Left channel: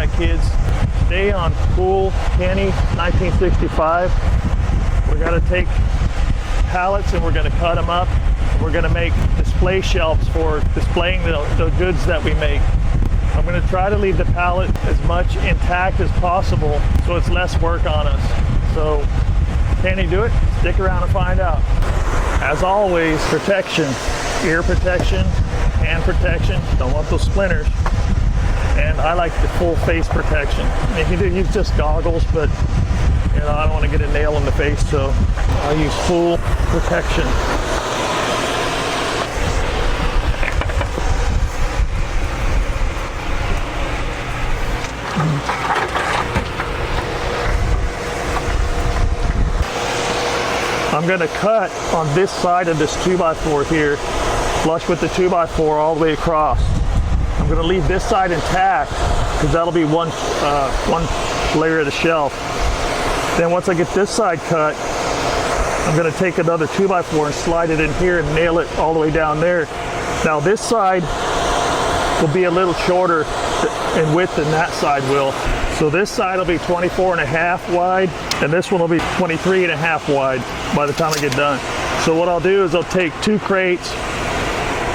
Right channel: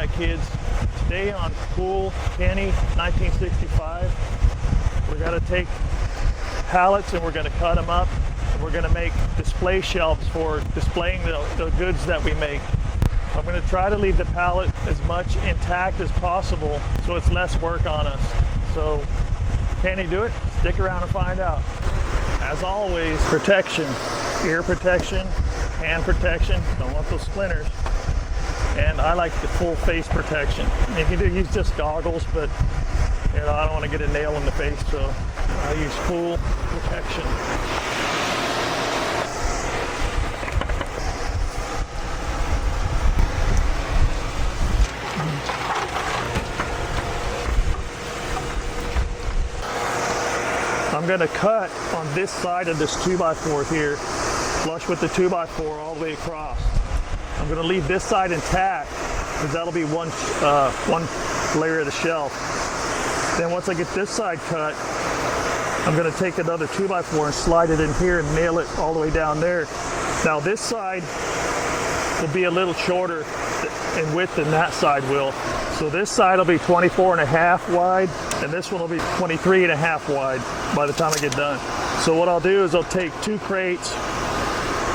that, kids. Today on Cool Kenny 1965, we're going to take pallets and we're going to cut them up. We're going to make display shelves for displaying the goods that we make. I'm going to try to leave the pallet as much intact as possible so it's less work on us. So, can he do it? Stick around and find out. As always, protection, ear protection, hand protection. Don't want those splinters. And I like the full face protection. You can use just goggles, but you know, I don't want to get a nail in the face, so I use full protection. I'm going to cut on this side of this 2x4 here, flush with the 2x4 all the way across. I'm going to leave this side intact because that'll be one layer of the shelf. Then once I get this side cut, I'm going to take another 2x4 and slide it in here and nail it all the way down there. Now this side will be a little shorter in width than that side will. So this side will be 24.5 wide, and this one will be 23.5 wide by the time I get done. So what I'll do is I'll take 2 crates,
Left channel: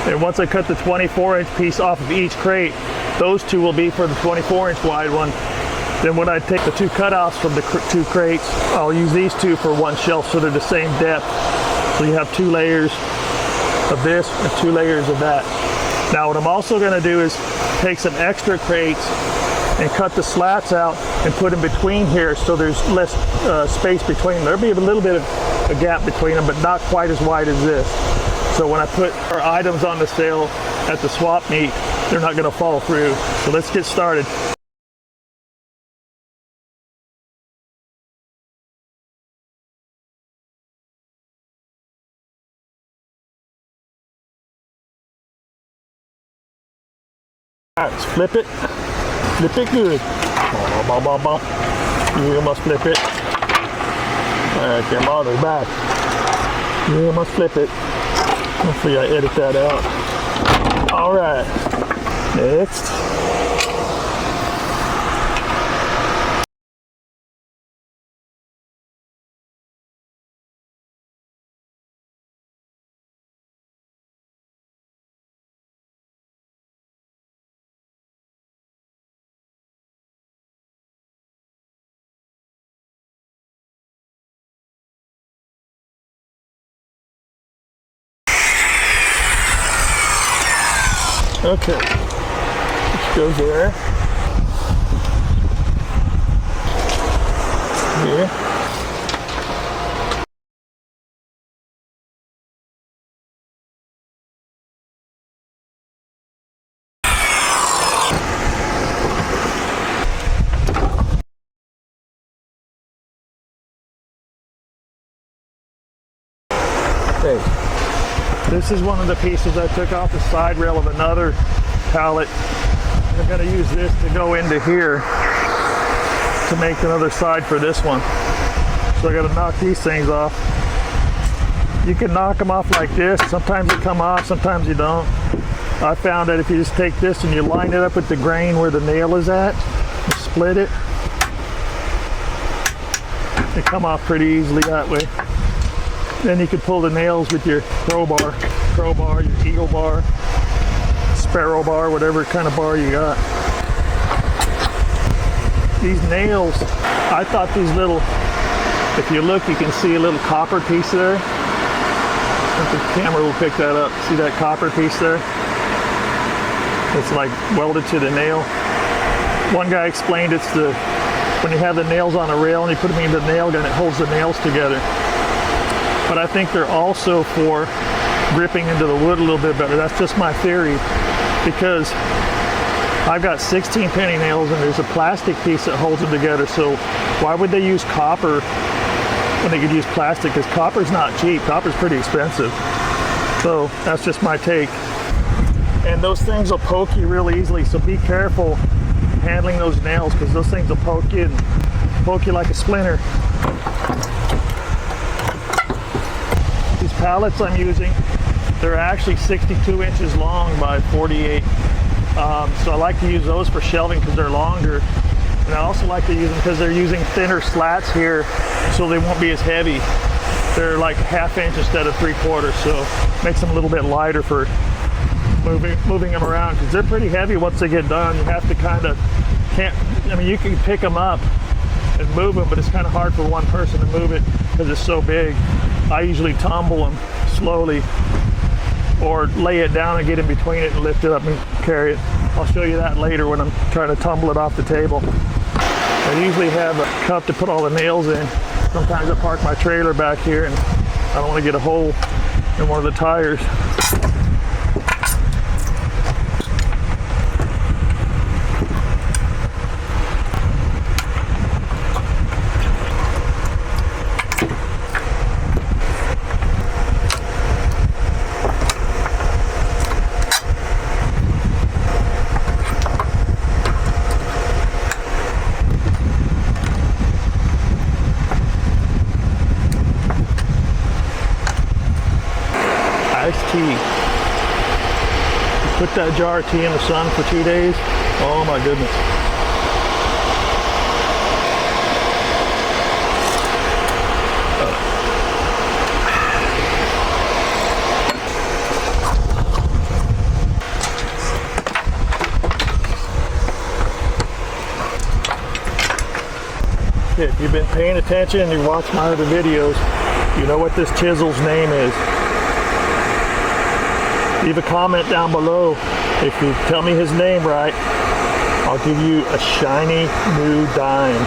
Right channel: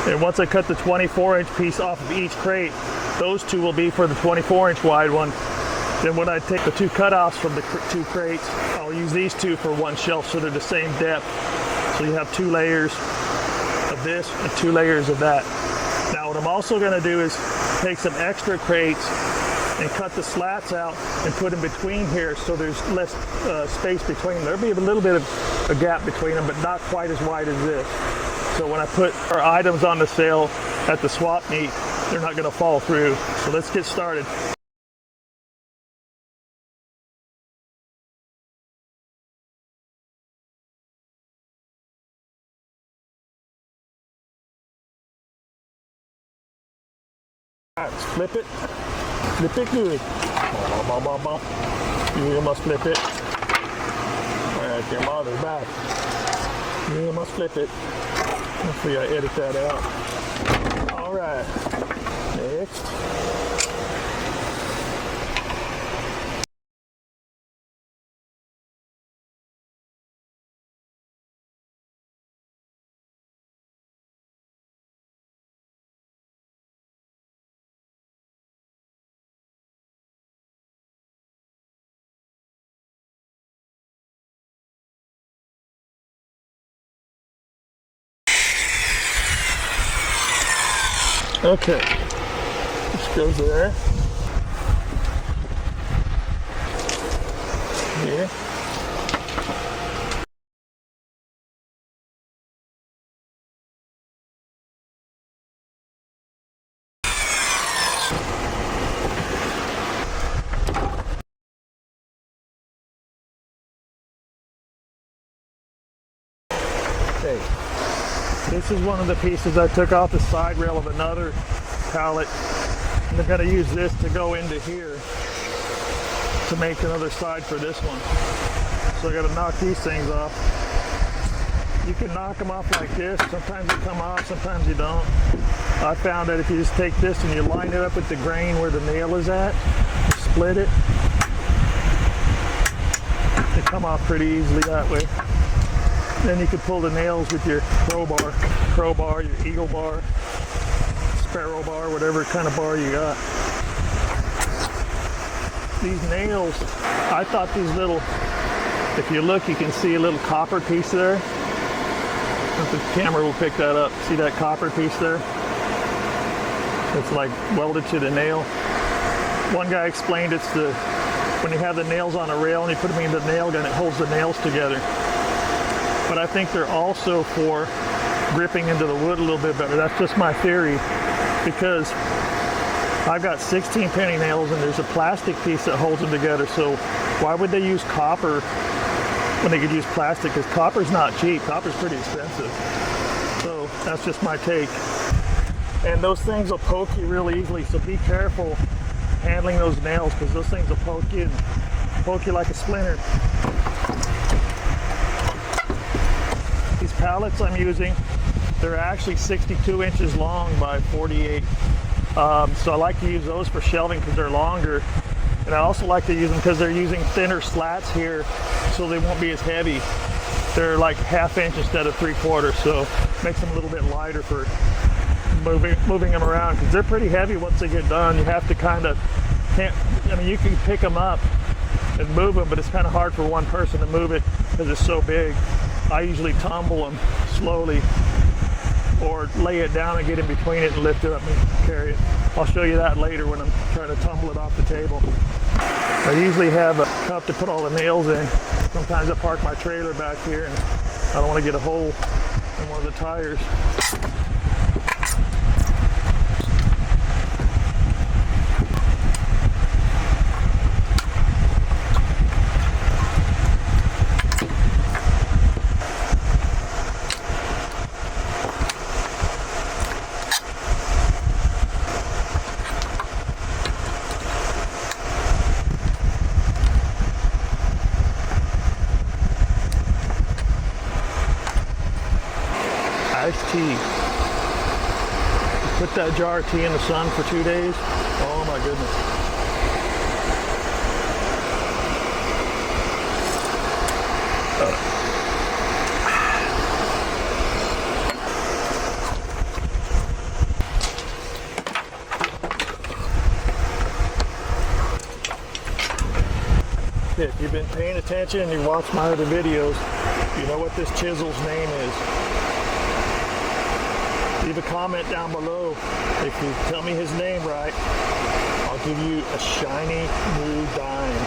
and once I cut the 24-inch piece off of each crate, those 2 will be for the 24-inch wide one. Then when I take the 2 cutoffs from the 2 crates, I'll use these 2 for one shelf so they're the same depth. So you have 2 layers of this and 2 layers of that. Now what I'm also going to do is take some extra crates and cut the slats out and put them between here so there's less space between them. There'll be a little bit of a gap between them, but not quite as wide as this. So when I put our items on the sale at the swap meet, they're not going to fall through. So let's get started. All right, let's flip it. Flip it good. You must flip it. All right, your mother's back. You must flip it. Hopefully I edit that out. All right, next. Okay, which goes there. Here. Okay. This is one of the pieces I took off the side rail of another pallet. I'm going to use this to go into here to make another side for this one. So I got to knock these things off. You can knock them off like this. Sometimes they come off, sometimes you don't. I found that if you just take this and you line it up with the grain where the nail is at, split it, they come off pretty easily that way. Then you can pull the nails with your crowbar, your eagle bar, sparrow bar, whatever kind of bar you got. These nails, I thought these little, if you look, you can see a little copper piece there. I think the camera will pick that up. See that copper piece there? It's like welded to the nail. One guy explained it's when you have the nails on a rail and you put them in the nail gun, it holds the nails together. But I think they're also for gripping into the wood a little bit better. That's just my theory, because I've got 16 penny nails and there's a plastic piece that holds them together. So why would they use copper when they could use plastic? Because copper's not cheap. Copper's pretty expensive. So that's just my take. And those things will poke you really easily. So be careful handling those nails, because those things will poke you like a splinter. Pallets I'm using, they're actually 62 inches long by 48 So I like to use those for shelving because they're longer. And I also like to use them because they're using thinner slats here, so they won't be as heavy. They're like 1/2 inch instead of 3/4, so makes them a little bit lighter for moving them around, because they're pretty heavy once they get done. You have to kind of, I mean, you can pick them up and move them, but it's kind of hard for one person to move it because it's so big. I usually tumble them slowly or lay it down and get in between it and lift it up and carry it. I'll show you that later when I'm trying to tumble it off the table. I usually have a cup to put all the nails in. Sometimes I park my trailer back here and I don't want to get a hole in one of the tires. Iced tea. Put that jar of tea in the sun for 2 days. Oh my goodness. If you've been paying attention and you watch my other videos, you know what this chisel's name is. Leave a comment down below. If you tell me his name right, I'll give you a shiny new dime.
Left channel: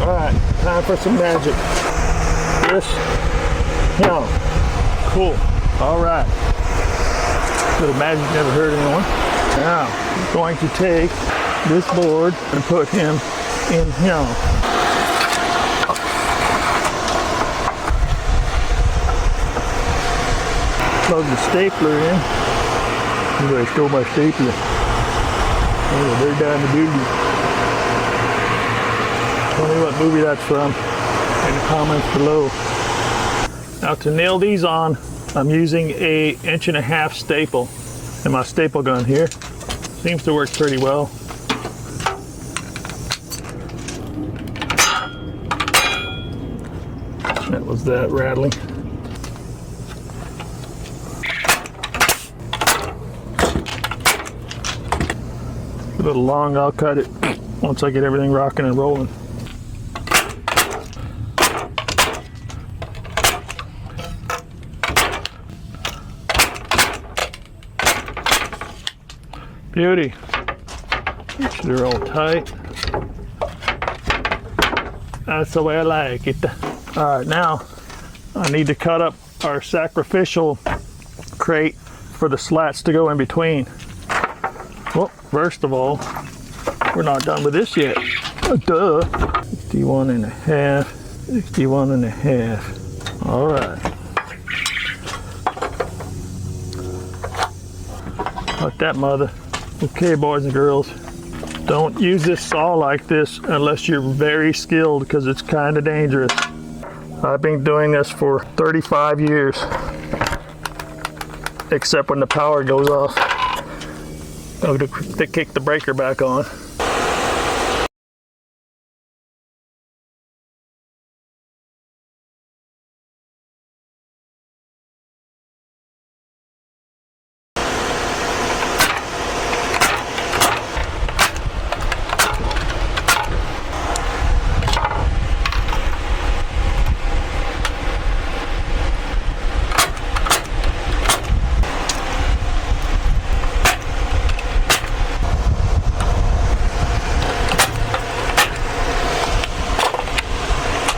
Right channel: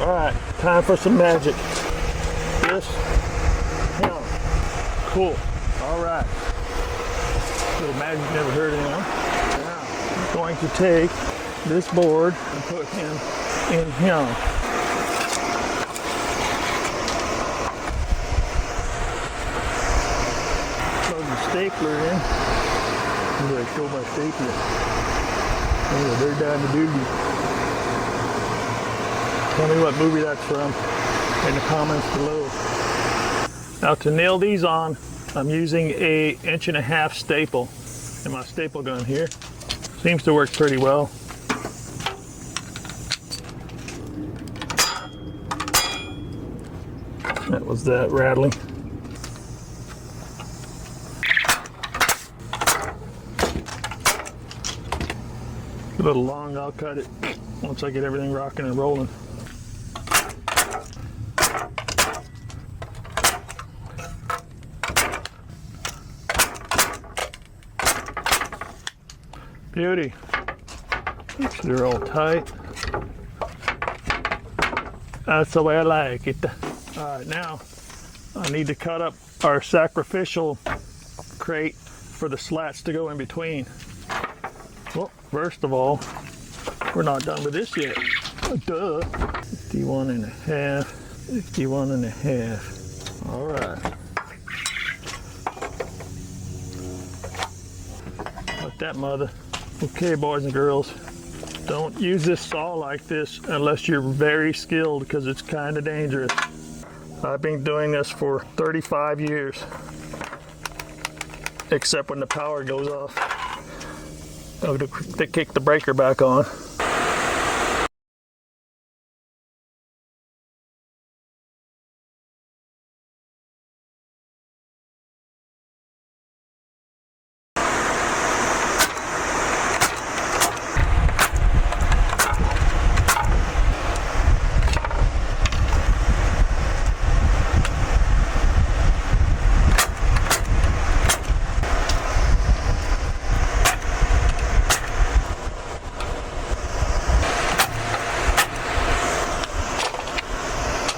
All right, time for some magic. This, cool. All right. Little magic never hurt anyone. Now, I'm going to take this board and put him in here. Plug the stapler in. Maybe I stole my stapler. Oh, they're down the building. Tell me what movie that's from in the comments below. Now to nail these on, I'm using a 1.5 inch staple in my staple gun here. Seems to work pretty well. That was that rattling. A little long, I'll cut it once I get everything rocking and rolling. Beauty. Make sure they're all tight. That's the way I like it. All right, now I need to cut up our sacrificial crate for the slats to go in between. Well, first of all, we're not done with this yet. Duh. 61.5, 61.5. All right. Like that, mother. Okay, boys and girls, don't use this saw like this unless you're very skilled, because it's kind of dangerous. I've been doing this for 35 years, except when the power goes off. To kick the breaker back on.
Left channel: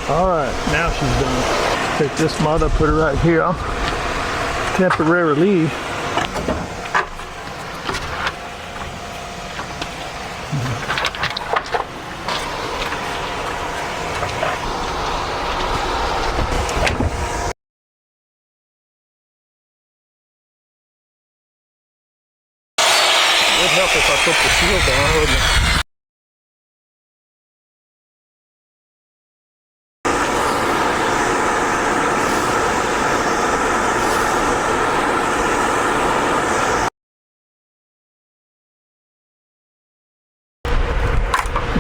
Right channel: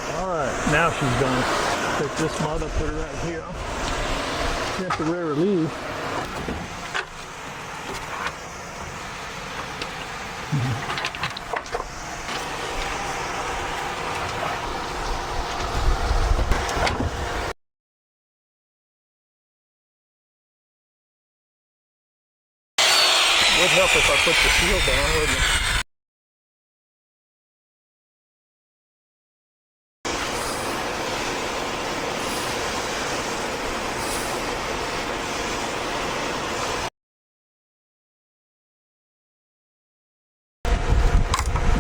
Alright, now she's done. Take this mother, put her right here, temporarily. It would help if I put the shield down, wouldn't it?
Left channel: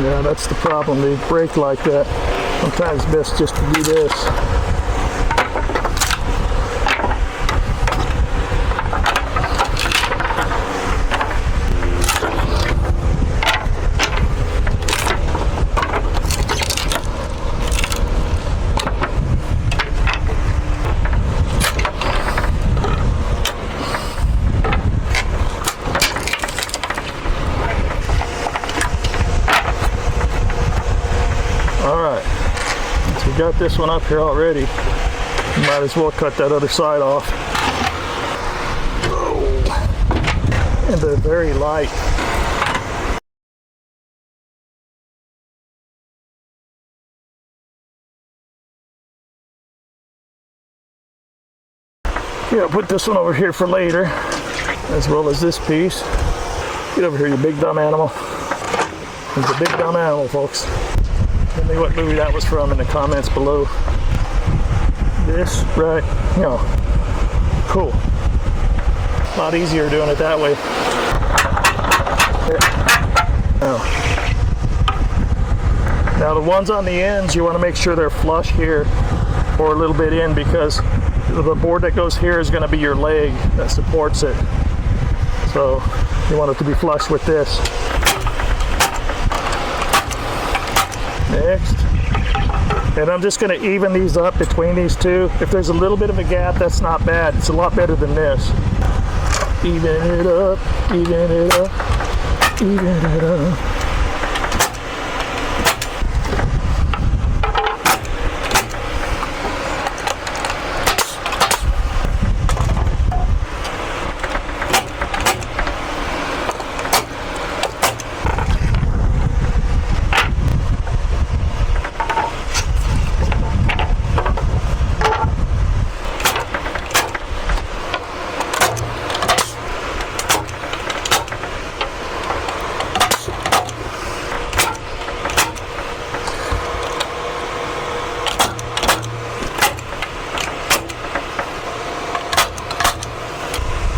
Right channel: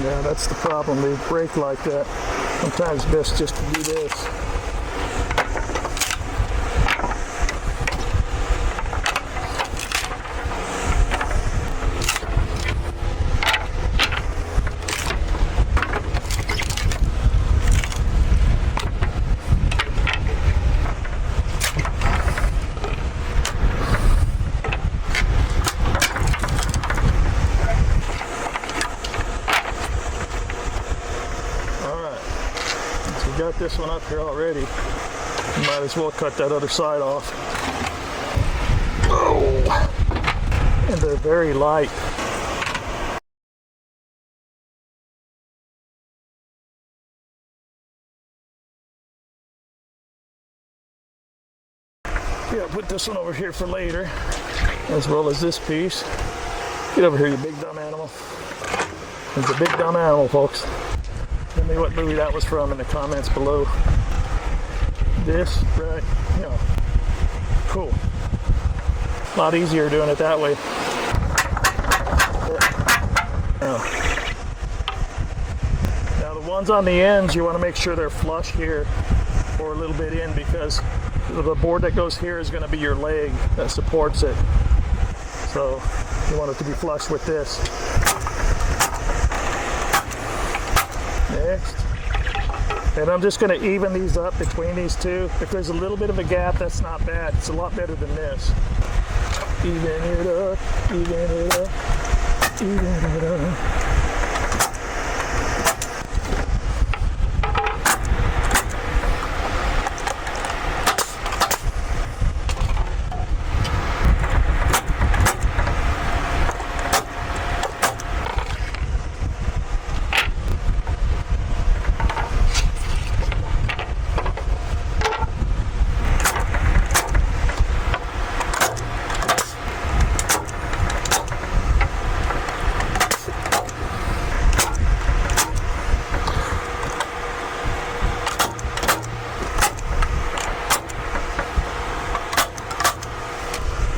Yeah, that's the problem. They break like that. Sometimes it's best just to do this. Got this one up here already. Might as well cut that other side off. Oh, and they're very light. Yeah, I'll put this one over here for later, as well as this piece. Get over here, you big dumb animal. It's a big dumb animal, folks. Tell me what movie that was from in the comments below. This, right, you know, cool. A lot easier doing it that way. Now the ones on the ends, you want to make sure they're flush here or a little bit in, because the board that goes here is going to be your leg that supports it. So you want it to be flush with this. Next, and I'm just going to even these up between these two. If there's a little bit of a gap, that's not bad. It's a lot better than this. Even it up, even it up, even it up.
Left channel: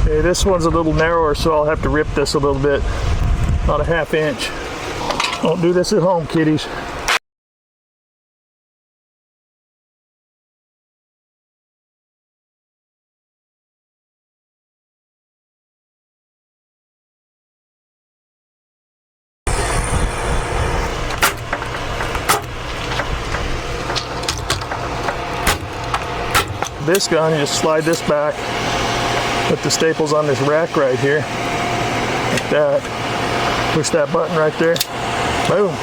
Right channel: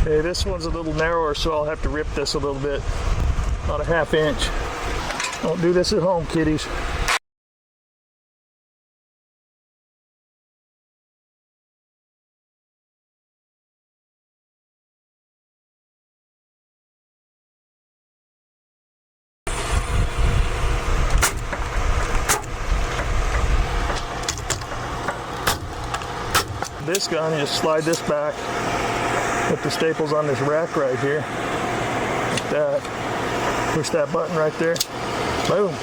Okay, this one's a little narrower, so I'll have to rip this a little bit, about a ½ inch. Don't do this at home, kiddies. This gun, you just slide this back. Put the staples on this rack right here, like that. Push that button right there. Boom.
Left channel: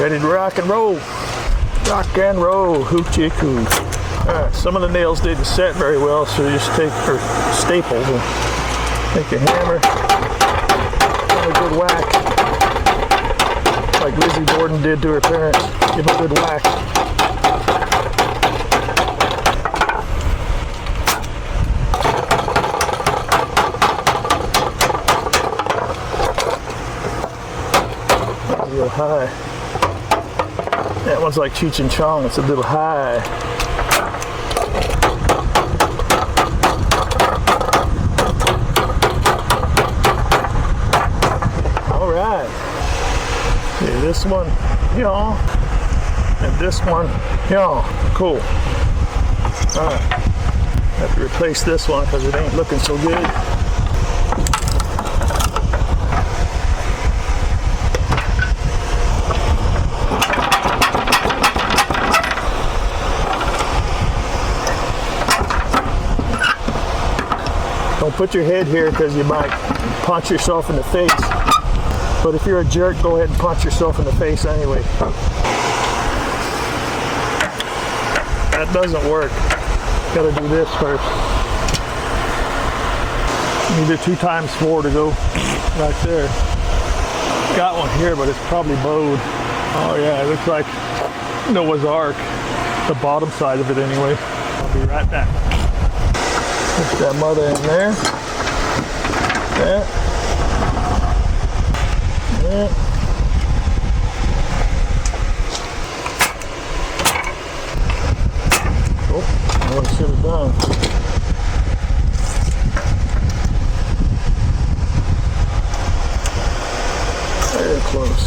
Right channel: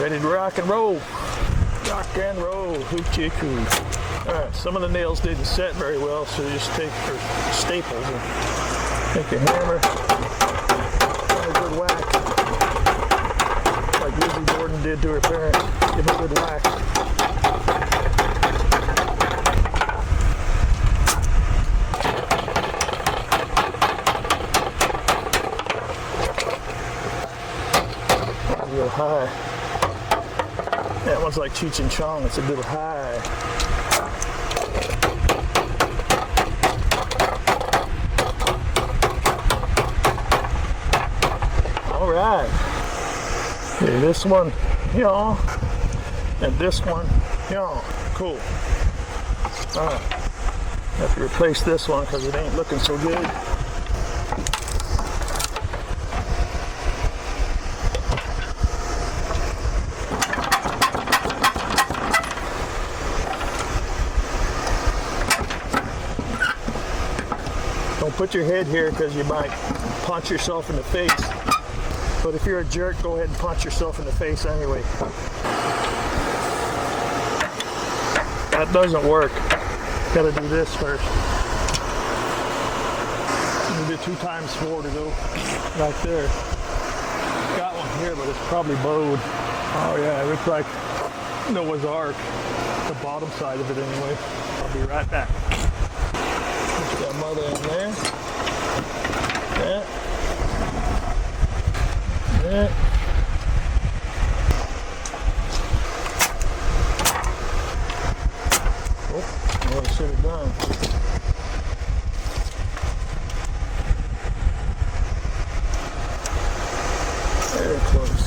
Ready to rock and roll. Rock and roll. Hoochie coo. All right, some of the nails didn't set very well, so you just take your staples and take a hammer, give a good whack, like Lizzie Borden did to her parents. Give a good whack. A little high. That one's like Cheech and Chong. It's a little high. All right. Okay, this one, yeah, and this one, yeah. Cool. All right. Have to replace this one because it ain't looking so good. Don't put your head here because you might punch yourself in the face. But if you're a jerk, go ahead and punch yourself in the face anyway. That doesn't work. Gotta do this first. You need a 2 times 4 to go right there. Got one here, but it's probably bowed. Oh yeah, it looks like Noah's Ark. The bottom side of it anyway. I'll be right back. Push that mother in there. That. That. Oh, what I should have done. Very close.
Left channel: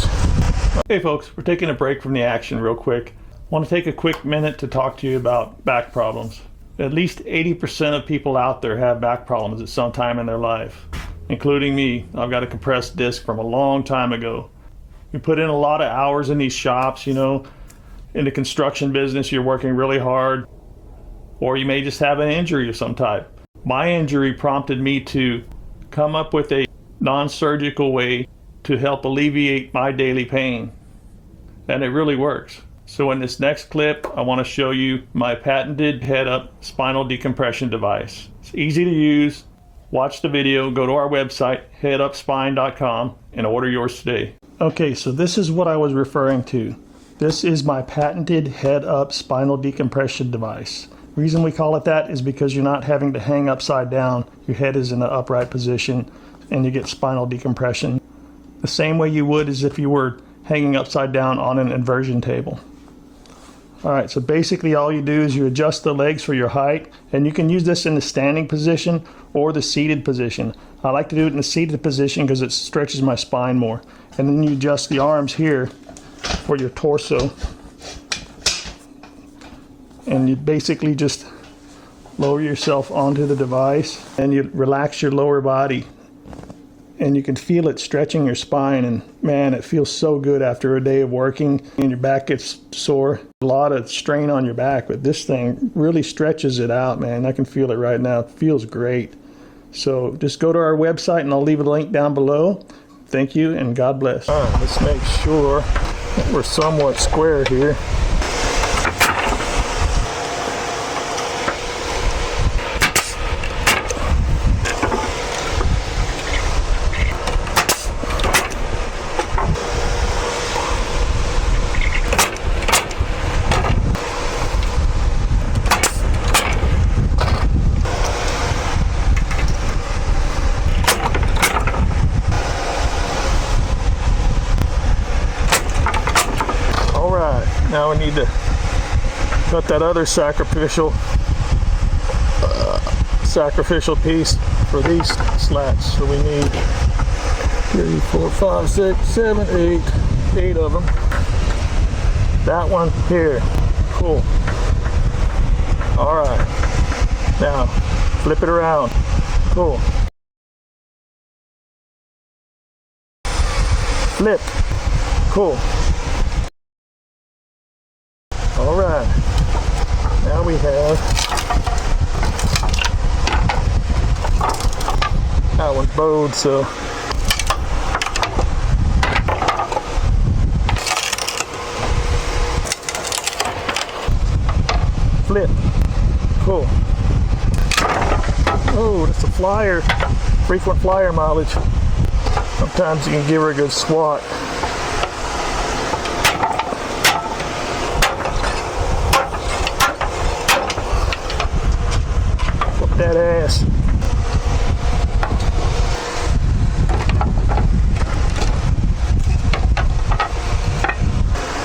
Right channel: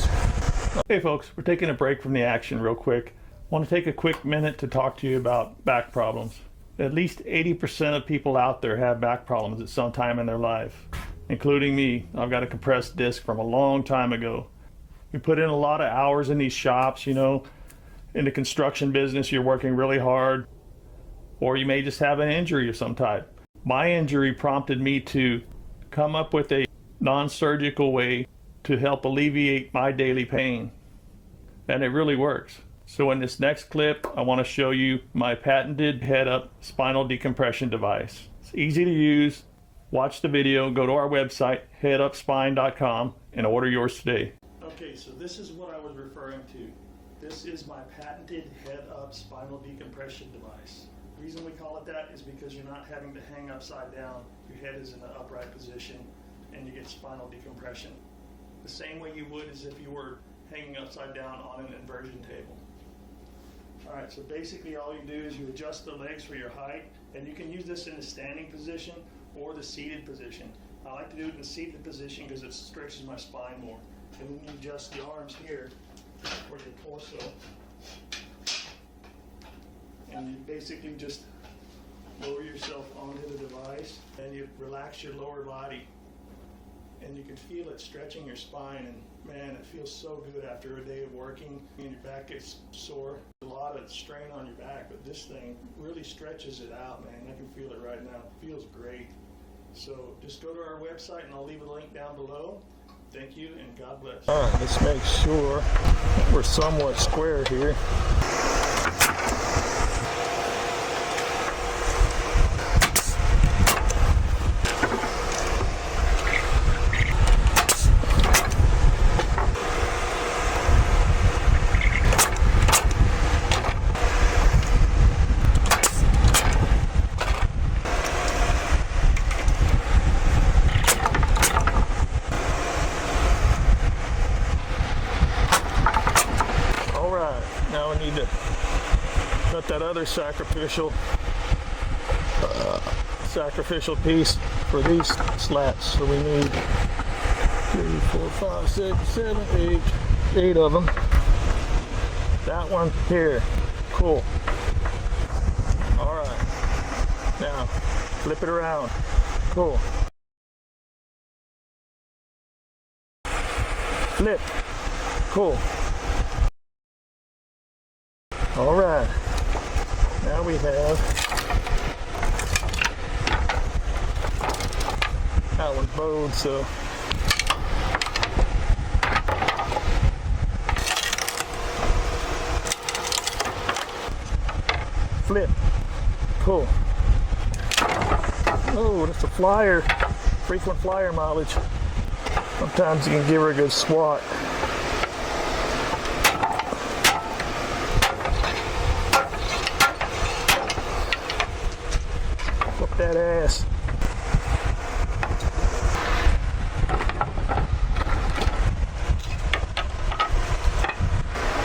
Hey folks, we're taking a break from the action real quick. I want to take a quick minute to talk to you about back problems. At least 80% of people out there have back problems at some time in their life, including me. I've got a compressed disc from a long time ago. We put in a lot of hours in these shops, you know. In the construction business, you're working really hard, or you may just have an injury of some type. My injury prompted me to come up with a non-surgical way to help alleviate my daily pain, and it really works. So in this next clip, I want to show you my patented head-up spinal decompression device. It's easy to use. Watch the video, go to our website, headupspine.com, and order yours today. Okay, so this is what I was referring to. This is my patented head-up spinal decompression device. The reason we call it that is because you're not having to hang upside down. Your head is in an upright position, and you get spinal decompression the same way you would as if you were hanging upside down on an inversion table. Alright, so basically all you do is you adjust the legs for your height, and you can use this in the standing position or the seated position. I like to do it in the seated position because it stretches my spine more. And then you adjust the arms here for your torso, and you basically just lower yourself onto the device, and you relax your lower body, and you can feel it stretching your spine, and man, it feels so good after a day of working and your back gets sore. A lot of strain on your back, but this thing really stretches it out, man. I can feel it right now. It feels great. So just go to our website and I'll leave a link down below. Thank you and God bless. All right, let's make sure that we're somewhat square here. Now we need to cut that other sacrificial piece for these slats. So we need 3, 4, 5, 6, 7, 8 of them. That one here. Cool. All right. Now flip it around. Cool. Flip. Cool. All right, now we have, that one's bowed, so flip, cool. Oh, that's a flyer, frequent flyer mileage. Sometimes you can give her a good swat. That ass.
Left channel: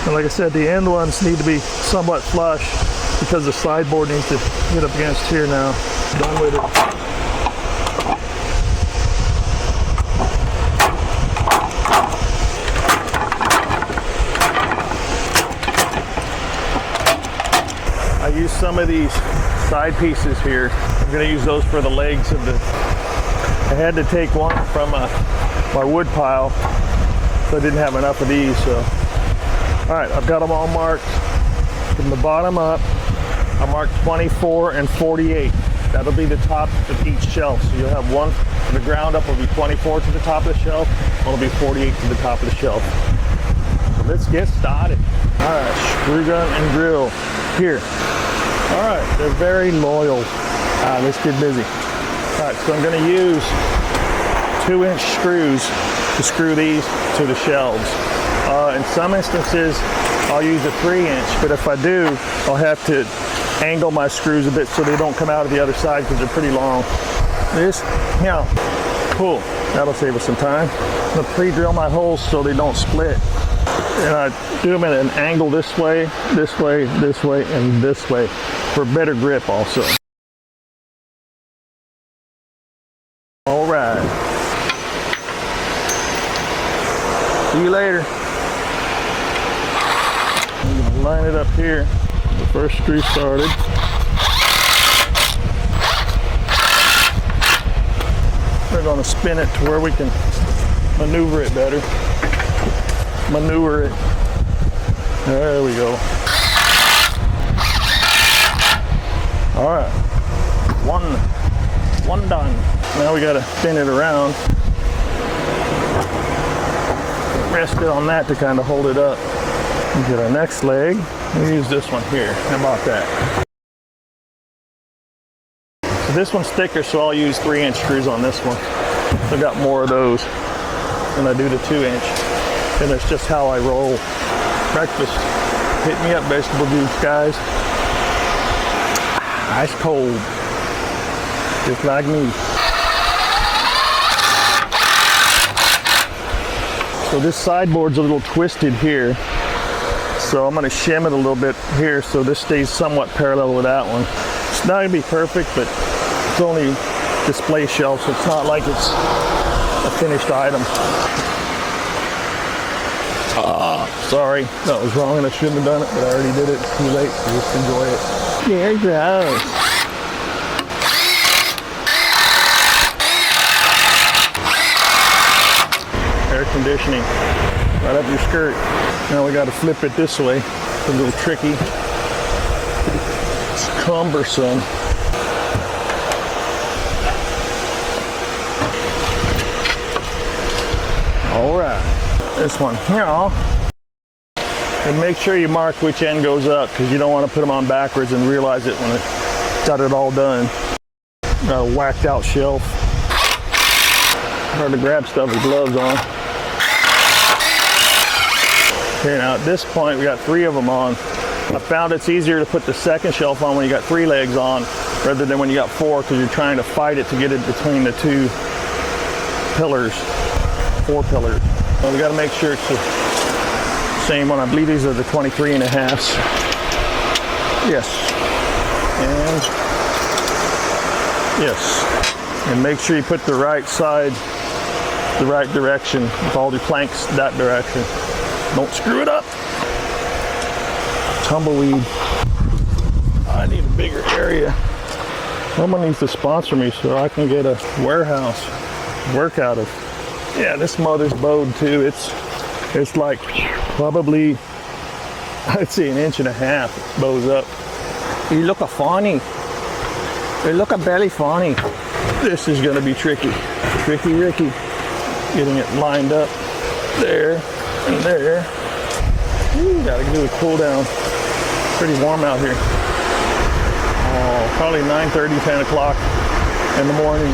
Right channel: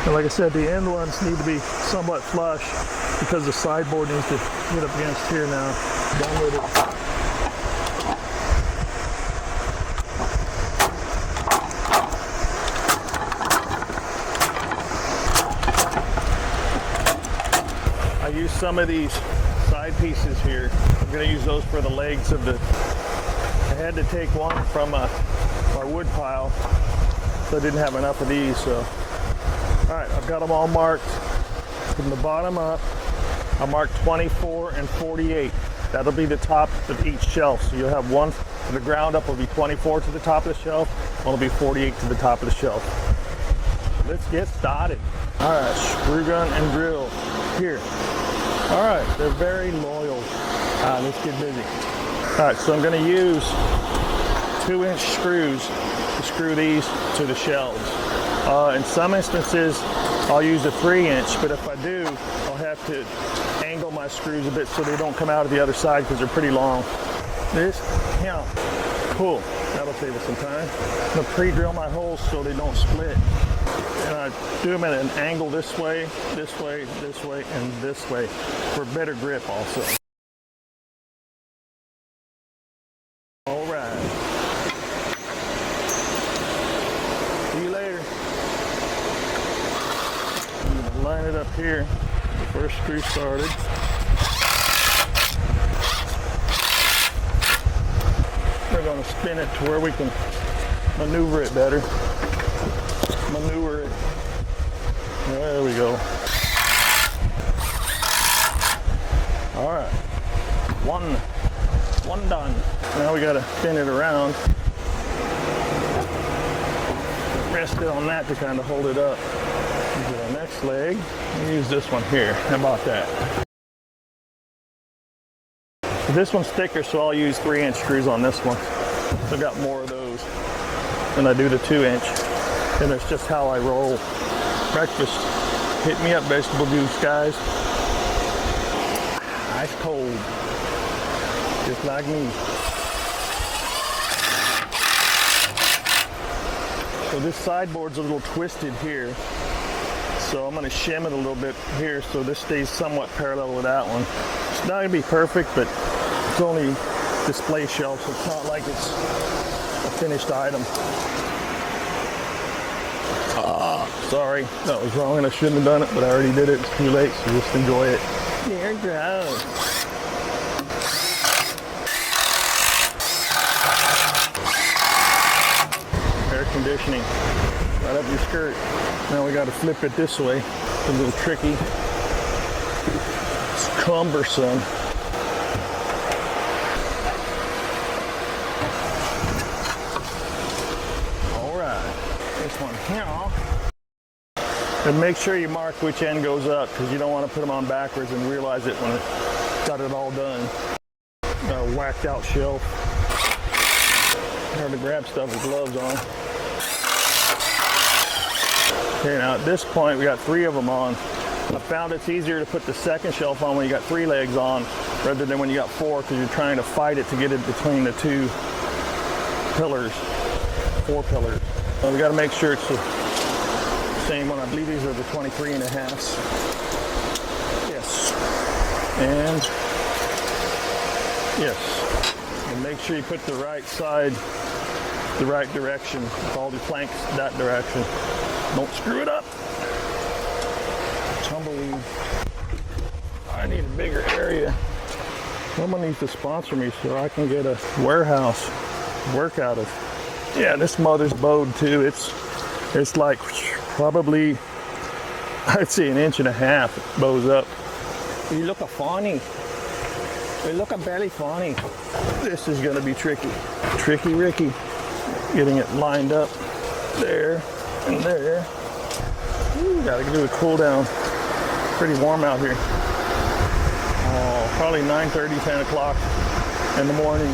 And like I said, the end ones need to be somewhat flush because the sideboard needs to get up against here now. Done with it. I use some of these side pieces here. I'm going to use those for the legs of the. I had to take one from my wood pile, so I didn't have enough of these. So, all right, I've got them all marked from the bottom up. I marked 24 and 48. That'll be the top of each shelf. So you'll have one from the ground up will be 24 to the top of the shelf. One will be 48 to the top of the shelf. So let's get started. All right, screw gun and drill here. All right, they're very loyal. Let's get busy. All right, so I'm going to use 2-inch screws to screw these to the shelves. In some instances, I'll use a 3-inch, but if I do, I'll have to angle my screws a bit so they don't come out of the other side because they're pretty long. This, yeah, cool. That'll save us some time. I'm going to pre-drill my holes so they don't split. And I do them at an angle this way, this way, this way, and this way for better grip also. All right. See you later. line it up here. The first screw started. We're going to spin it to where we can maneuver it better. Maneuver it. There we go. All right, one done. Now we got to spin it around. Rest it on that to kind of hold it up. We get our next leg. We use this one here. How about that? So this one's thicker, so I'll use 3-inch screws on this one. I got more of those than I do the 2-inch. And that's just how I roll. Breakfast. Hit me up, vegetable juice, guys. Ice cold. Just like me. So this sideboard's a little twisted here. So I'm going to shim it a little bit here so this stays somewhat parallel with that one. It's not going to be perfect, but it's only display shelf, so it's not like it's a finished item. Sorry, that was wrong and I shouldn't have done it, but I already did it. It's too late, so just enjoy it. There it goes. Air conditioning right up your skirt. Now we got to flip it this way. It's a little tricky. It's cumbersome. All right, this one here. And make sure you mark which end goes up because you don't want to put them on backwards and realize it when it's got it all done. Got a whacked out shelf. Hard to grab stuff with gloves on. Okay, now at this point we got 3 of them on. I found it's easier to put the second shelf on when you got 3 legs on rather than when you got 4 because you're trying to fight it to get it between the 2 pillars, 4 pillars. So we got to make sure it's the same one. I believe these are the 23.5s. Yes. And yes. And make sure you put the right side the right direction with all your planks that direction. Don't screw it up. Tumbleweed. I need a bigger area. Someone needs to sponsor me so I can get a warehouse to work out of. Yeah, this mother's bowed too. It's like probably, I'd say 1.5 inches. It bows up. You look a funny. You look a belly funny. This is gonna be tricky. Tricky Ricky. Getting it lined up there and there. Ooh, gotta do a cool down. Pretty warm out here. Oh, probably 9:30, 10 o'clock in the morning.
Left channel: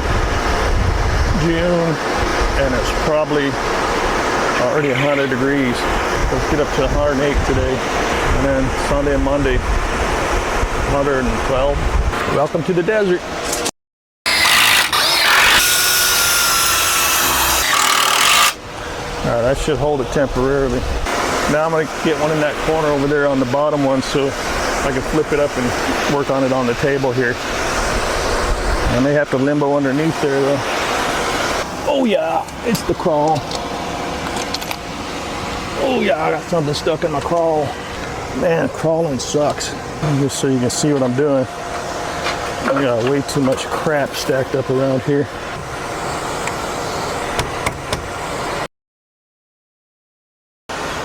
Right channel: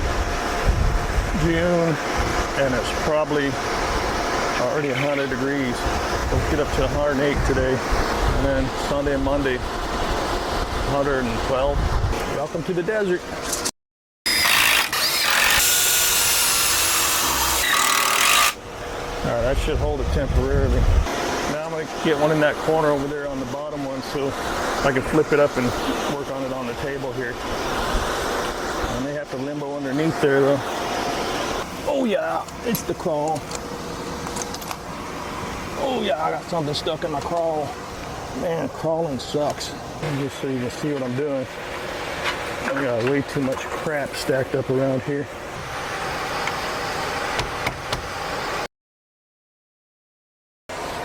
June, and it's probably already 100 degrees. Let's get up to 108 today. And then Sunday and Monday, 112. Welcome to the desert. All right, that should hold it temporarily. Now I'm gonna get one in that corner over there on the bottom one so I can flip it up and work on it on the table here. I may have to limbo underneath there though. Oh yeah, it's the crawl. Oh yeah, I got something stuck in my crawl. Man, crawling sucks. Just so you can see what I'm doing. I got way too much crap stacked up around here.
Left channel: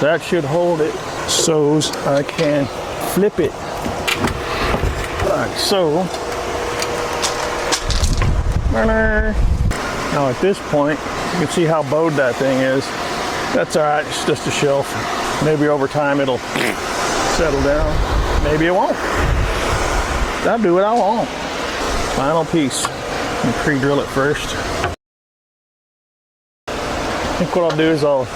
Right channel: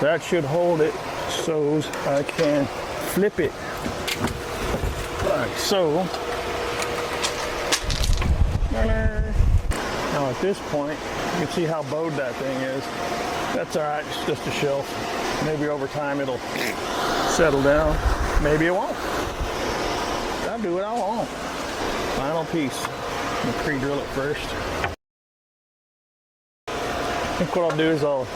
That should hold it so I can flip it like so. Now at this point, you can see how bowed that thing is. That's all right, it's just a shelf. Maybe over time it'll settle down. Maybe it won't. I'll do what I want. Final piece. I'm gonna pre-drill it first. I think what I'll do is I'll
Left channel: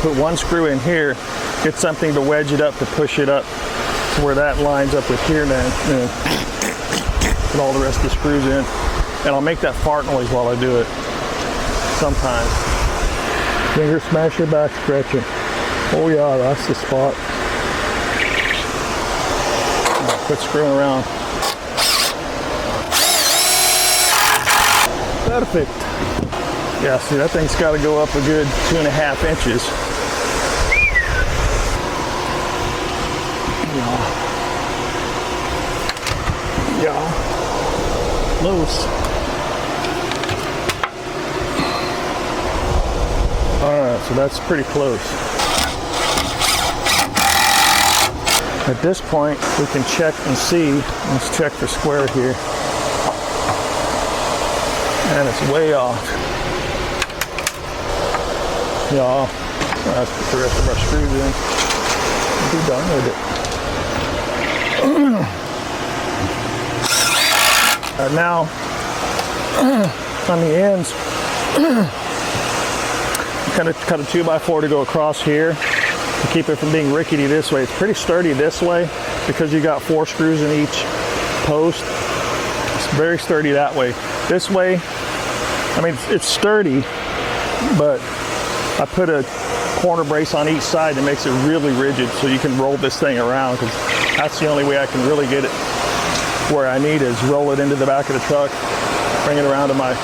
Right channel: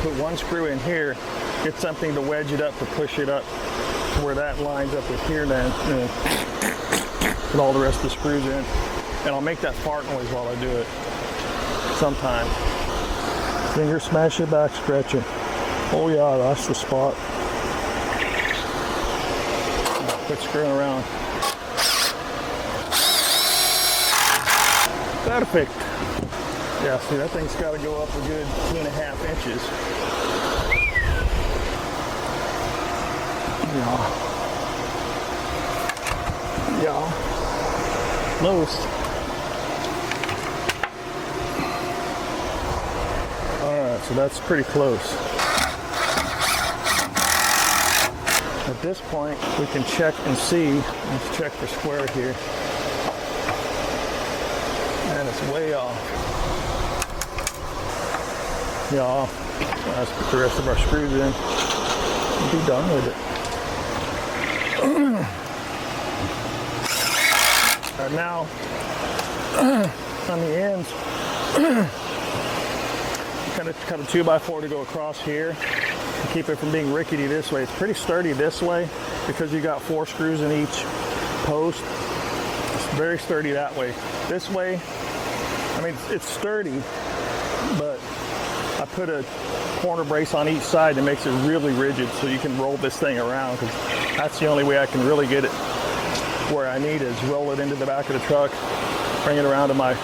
put one screw in here, get something to wedge it up to push it up to where that lines up with here then. Put all the rest of the screws in. And I'll make that fart noise while I do it. Sometimes. Finger smasher, back scratching. Oh yeah, that's the spot. Quit screwing around. Perfect. Yeah, see, that thing's got to go up a good 2.5 inches. Yeah. Close. Alright, so that's pretty close. At this point, we can check and see. Let's check for square here. And it's way off. Yeah, let's put the rest of our screws in. Be done with it. Now, on the ends, kind of cut a 2x4 to go across here to keep it from being rickety this way. It's pretty sturdy this way because you got 4 screws in each post. It's very sturdy that way. This way, I mean, it's sturdy, but I put a corner brace on each side that makes it really rigid so you can roll this thing around, because that's the only way I can really get it where I need is roll it into the back of the truck, bring it around to my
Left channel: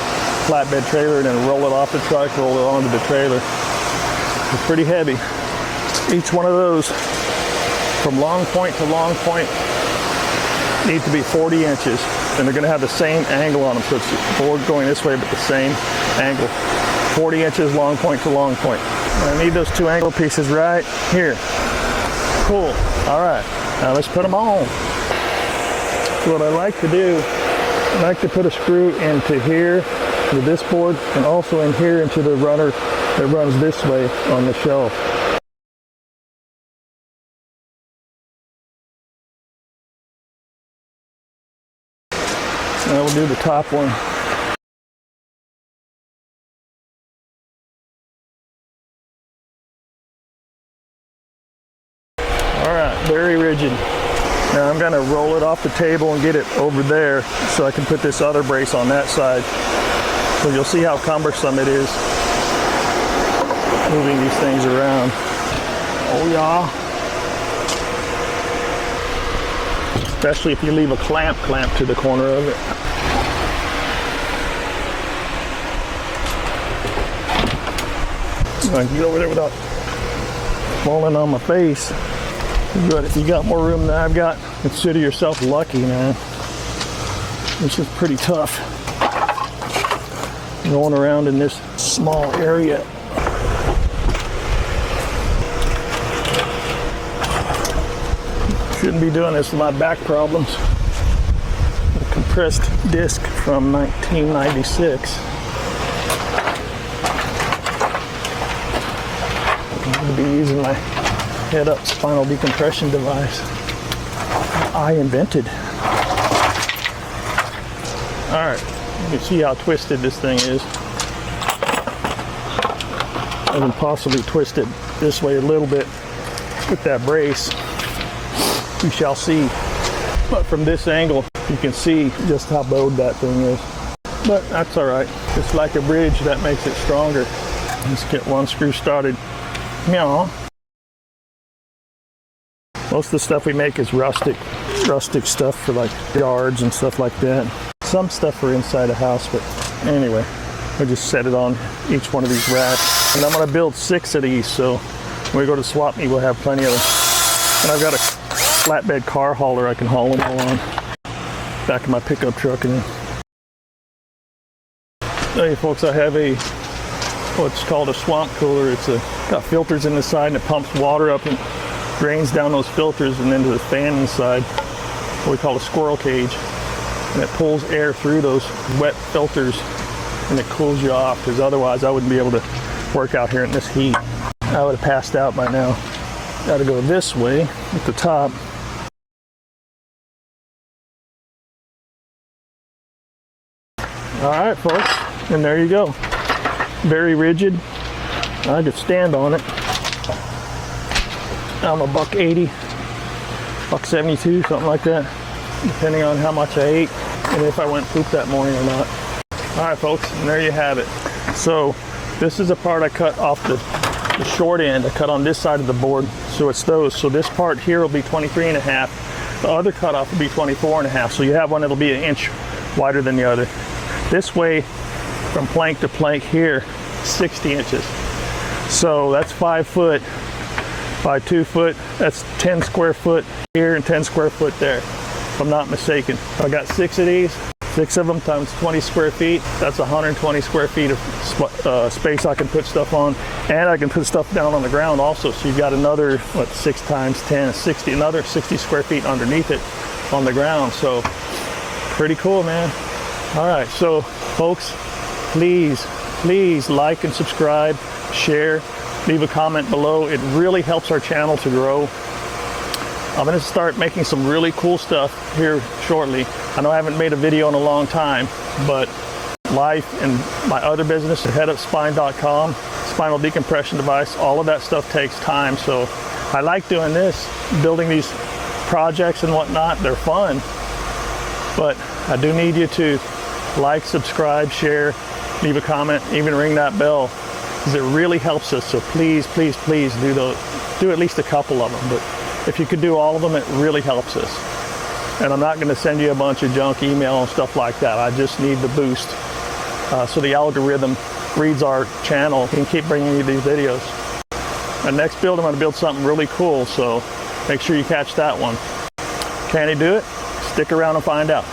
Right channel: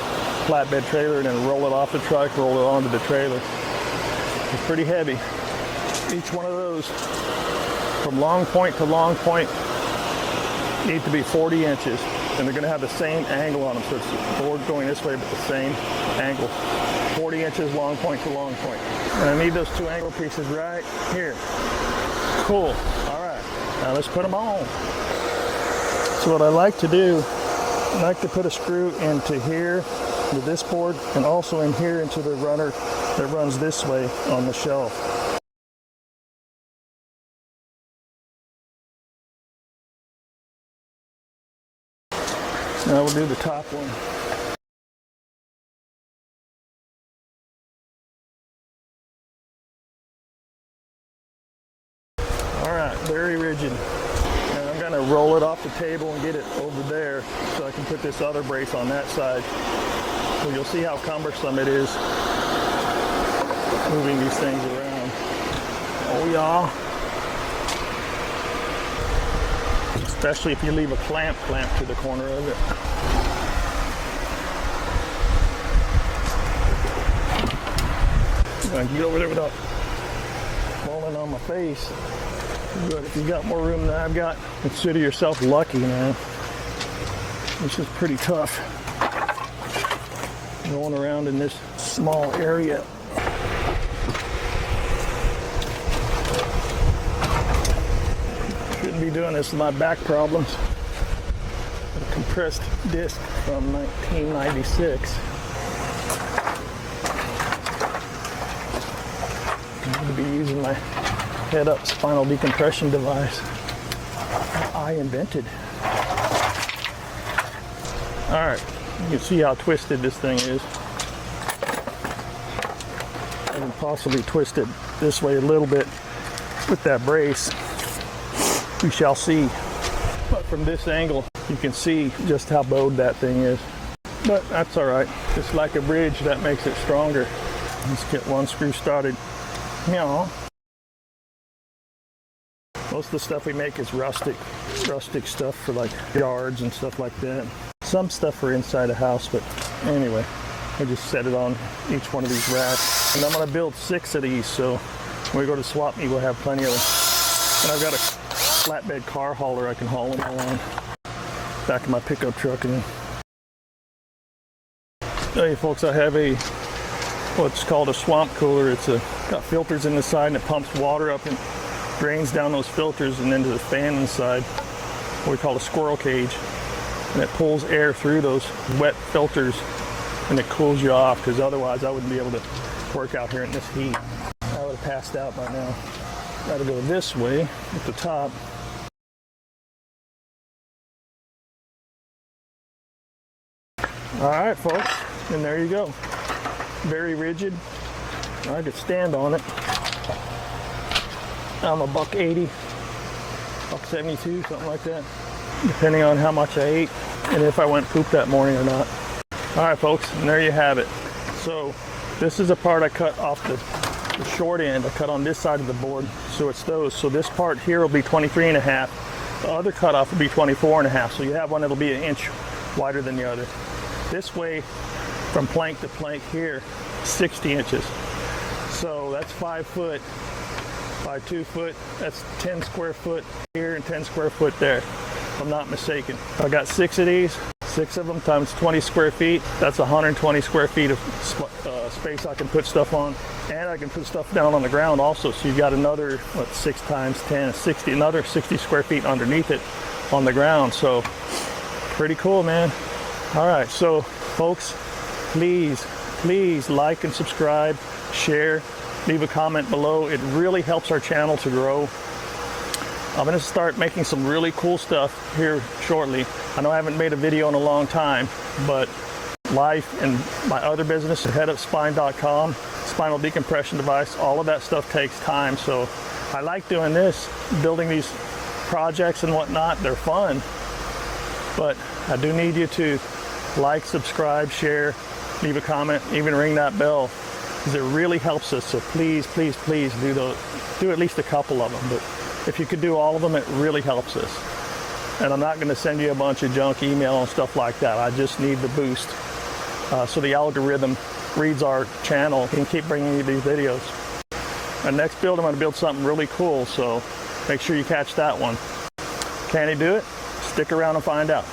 flatbed trailer, and then roll it off the truck, roll it onto the trailer. It's pretty heavy. Each one of those from long point to long point need to be 40 inches, and they're going to have the same angle on them, so it's the board going this way but the same angle. 40 inches long point to long point. And I need those 2 angle pieces right here. Cool. All right, now let's put them on. So what I like to do, I like to put a screw into here with this board, and also in here into the runner that runs this way on the shelf. Now we'll do the top one. All right, very rigid. Now I'm gonna roll it off the table and get it over there so I can put this other brace on that side. So you'll see how cumbersome it is moving these things around. Oh yeah. Especially if you leave a clamp to the corner of it. I can get over there without falling on my face. But if you got more room than I've got, consider yourself lucky, man. This is pretty tough. Going around in this small area. Shouldn't be doing this with my back problems. A compressed disc from 1996. I'm going to be using my head-up spinal decompression device I invented. All right, you can see how twisted this thing is. I can possibly twist it this way a little bit with that brace. We shall see. But from this angle, you can see just how bowed that thing is. But that's all right. Just like a bridge, that makes it stronger. Let's get one screw started. Meow. Most of the stuff we make is rustic stuff for like yards and stuff like that. Some stuff for inside a house, but anyway, I just set it on each one of these racks. And I'm gonna build 6 of these, so when we go to swap meet, we'll have plenty of them. And I've got a flatbed car hauler I can haul them all on. Back of my pickup truck. And hey folks, I have what's called a swamp cooler. It's got filters in the side, and it pumps water up and drains down those filters and into the fan inside, what we call a squirrel cage, and it pulls air through those wet filters and it cools you off, because otherwise I wouldn't be able to work out here in this heat. I would have passed out by now. Got to go this way at the top. All right folks, and there you go. Very rigid. I could stand on it. I'm a $1.80, $1.72, something like that, depending on how much I ate and if I went poop that morning or not. All right, folks, and there you have it. So this is a part I cut off the short end. I cut on this side of the board, so it's those. So this part here will be 23.5. The other cutoff will be 24.5. So you have one that'll be 1 inch wider than the other. This way, from plank to plank here, 60 inches. So that's 5 foot by 2 foot. That's 10 square foot here and 10 square foot there, if I'm not mistaken. I got 6 of these. 6 of them times 20 square feet. That's 120 square feet of space I can put stuff on, and I can put stuff down on the ground also. So you've got another, 6 times 10, 60, another 60 square feet underneath it on the ground. So pretty cool, man. All right, so folks, please like and subscribe, share, leave a comment below. It really helps our channel to grow. I'm going to start making some really cool stuff here shortly. I know I haven't made a video in a long time, but life and my other business, headupspine.com, spinal decompression device, all of that stuff takes time. So I like doing this, building these projects and whatnot. They're fun, but I do need you to like, subscribe, share, leave a comment, even ring that bell, because it really helps us. So please do at least a couple of them. But if you could do all of them, it really helps us. And I'm not going to send you a bunch of junk email and stuff like that. I just need the boost so the algorithm reads our channel and keep bringing you these videos. The next build, I'm going to build something really cool, so make sure you catch that one. Can he do it? Stick around and find out.